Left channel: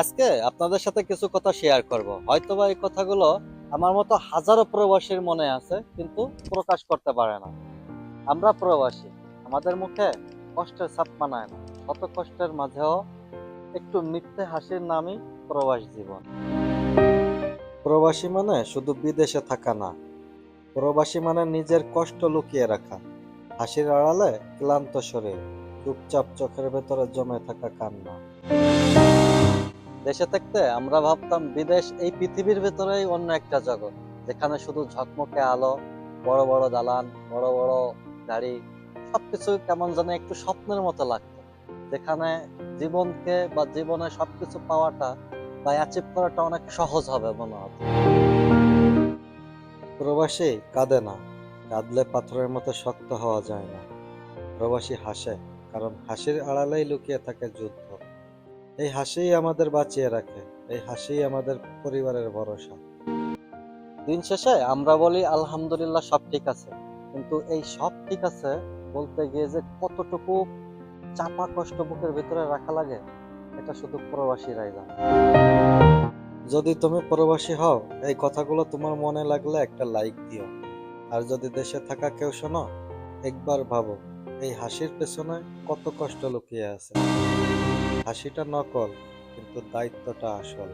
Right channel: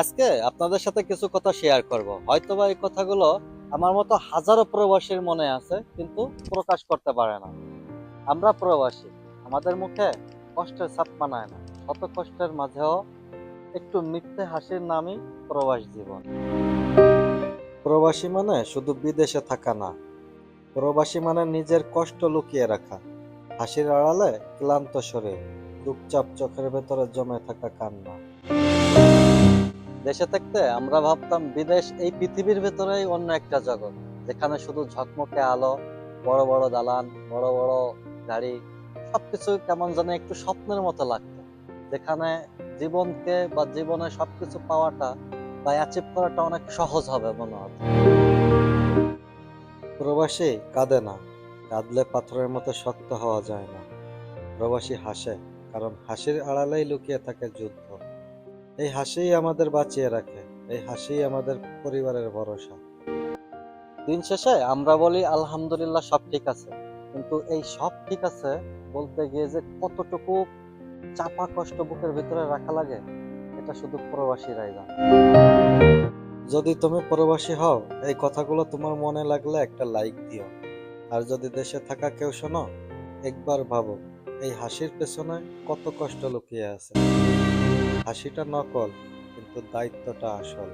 আজকে আপনাদের সাথে কিছু কথা শেয়ার করব। হয়তোবা এই কথাগুলো আমার মতো হাজারো প্রবাসীর মনে আছে, কিন্তু প্রকাশ করতে পারে না। আমরা প্রবাসী, আমাদের মুখে কষ্টের ছাপ মানায় না। শত কষ্টের মাঝেও একটু মিথ্যে হাসির নামই প্রবাস জীবন। প্রবাসী মানে শুধু বিদেশে থাকা না, প্রবাসী মানে নিজের কষ্ট লুকিয়ে রাখা, হাসির আড়ালে ক্লান্ত শরীর, চুপচাপ চোখের ভেতরে জমে থাকা কান্না। দেশে থাকতে আমরা ভাবতাম বিদেশ এই পৃথিবীর ভেতরেই অন্য একটা জগৎ, যেখানে শুধু ঝকমকে আলো, বড় বড় দালান, বড় বড় গাড়ি, সবকিছু কেমন যেন একটু স্বপ্নের মতো লাগতো। যেখানে জীবনকে বা জীবনে সবকিছু পাওয়াটা বা অ্যাচিভ করাটা অনেক সহজ হবে মনে হতো। প্রবাসী কাঁদে না, কাঁদলে পাথরের মতো শক্ত হওয়া যায় না। প্রবাসী হাসে, কারণ হাসির আড়ালেই লুকিয়ে থাকে যুদ্ধ। এই হাসিই আমাদের বাঁচিয়ে রাখে, এই হাসিই আমাদের পরিবারের ভরসা। দিন শেষে আমরা বলি আলহামদুলিল্লাহ সব ঠিক আছে, কিন্তু এই সব ঠিক আছে বলতে গিয়ে যে কতটুকু চাপা কষ্ট বুকের ভিতরে রাখা লাগে, এটা শুধু প্রবাসীরাই জানে। যদি তুমি প্রবাসী হও, এই কথাগুলো তোমার মনে লাগলে একটা লাইক দিও। আর যদি দেশে থাকা কেউ শোনো, একবার ভাবো এই হাসির পেছনে কত কষ্ট লুকিয়ে আছে। হাসিটা নকল, কিন্তু দায়িত্বটা আসল।